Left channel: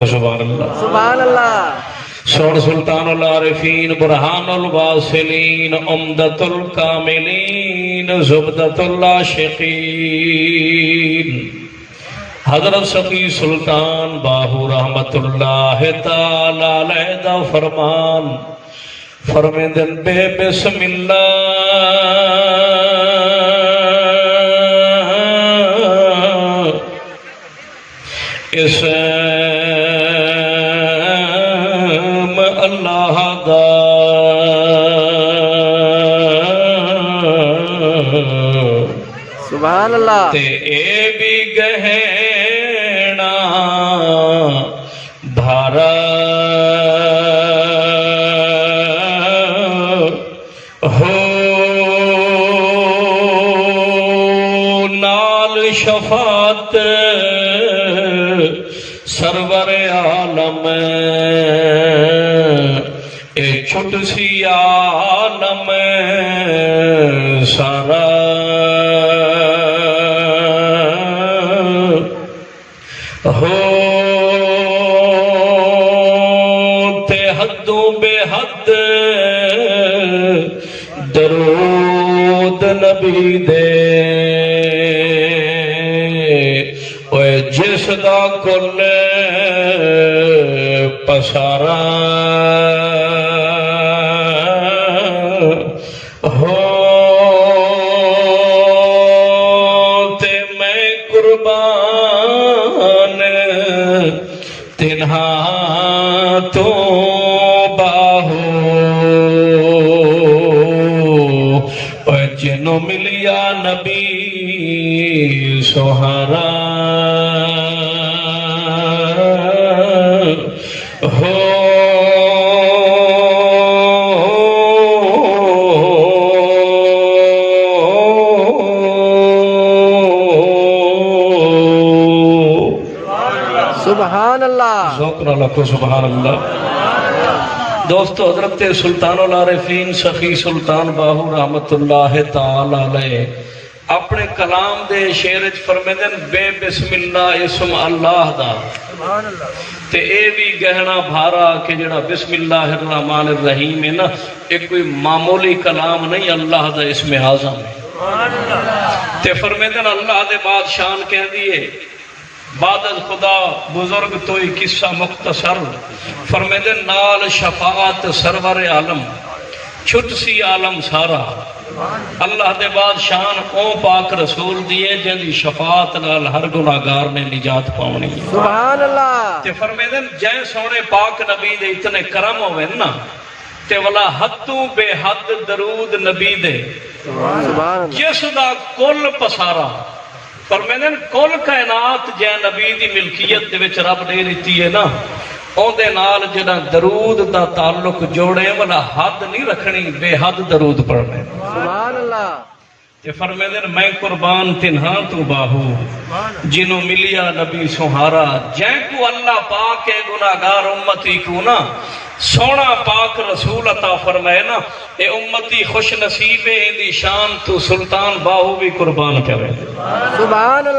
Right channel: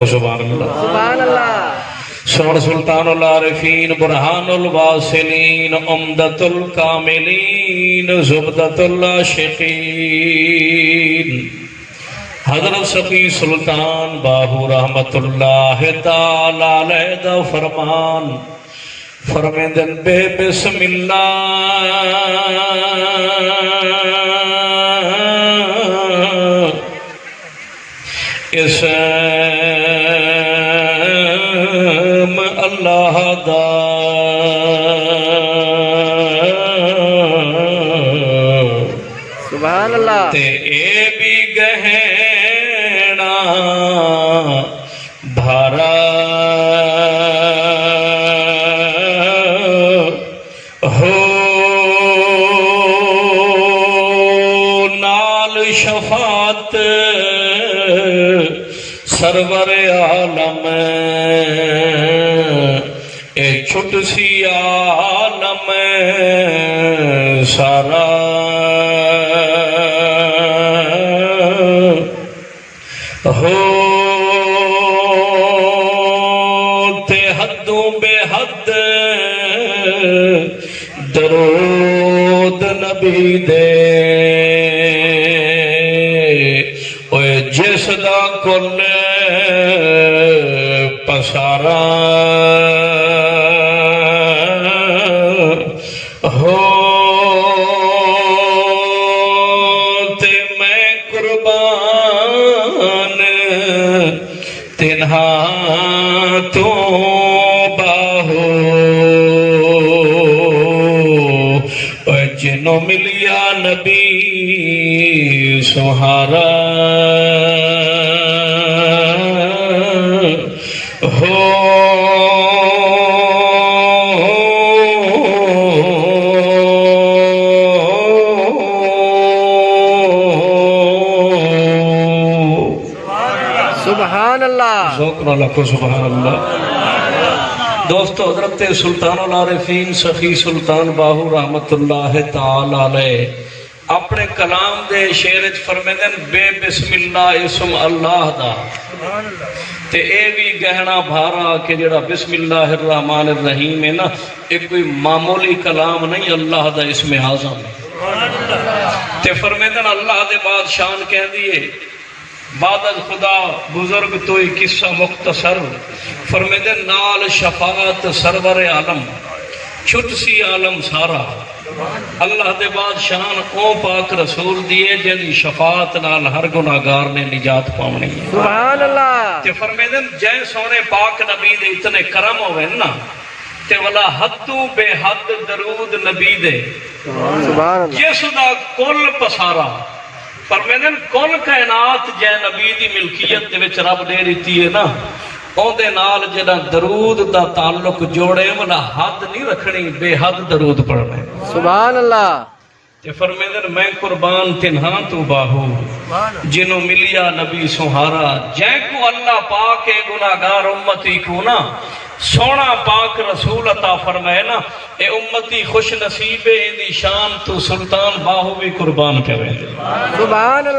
سبحان اللہ سبحان اللہ شور سلطان العارفین برہان الواصلین عمدۃ الکاملین زبدۃ العاشقین حضرت سقی سلطان باہو رحمت اللہ تعالی علیہ دا فرمان فرمیندن بے بسم اللہ اسم اللہ دا سبحان اللہ تے اے بھی گہنا بھارا ہو نال شفاعت سرور عالم اے چھٹ سی عالم سارا ہو تے حدوں بے حد درود نبی دے اوے جس دا کل پسارا ہو تے میں قربان تنہا تو باہو اوے جنوں ملیا نبی سہارا ہو سبحان اللہ ذوق اللہ کو سبحان اللہ دوستو حضرت سلطان العارفین سخی سلطان باہو رحمت اللہ تعالی علیہ اپنے کلام دے شعر وچ فرمیندن بے بسم اللہ اسم اللہ دا تے اے بھی گہنا بھارا کہ جڑا بسم اللہ الرحمن الرحیم ہے نا ایک کوئی معمولی کلام نہیں اللہ دا اسم اعظم تے فرمیندن اللہ دے بعد شان کہندی ہے بعد از خدا بزرگ توئی قصہ مختصر فرمیندن نال شفاعت سرور عالم چھٹ سی عالم سارا اللہ دے بعد شان او پاک رسول دیے جن دی شفاعت نال ہر گناہگار نے نجات پاونی سبحان اللہ تے فرمیندن جے سونے پاک نبی دے اتنے کرم ہوئے نا تے ولا حدو بے حد درود نبی دے سبحان اللہ جس دا کل پسارا فرمیندن کل کائنات جے نبی دی ملکیت دے وچ رب دے دیتی ہے نا اون دے نال جڑا درود دا تعلق جوڑے والا حد نہیں رکھنی بے حد درود پڑھنا سبحان اللہ تے فرمیندن میں قربان تنہا تو باہو جنوں ملیا نبی سہارا جے کو اللہ پاک گناہگار امتی کو نا سونا پاک رسول عطا فرمائے نا اے امتی خوش نصیب ہے ان دی شان تو سلطان باہو بھی قربان کرے سبحان اللہ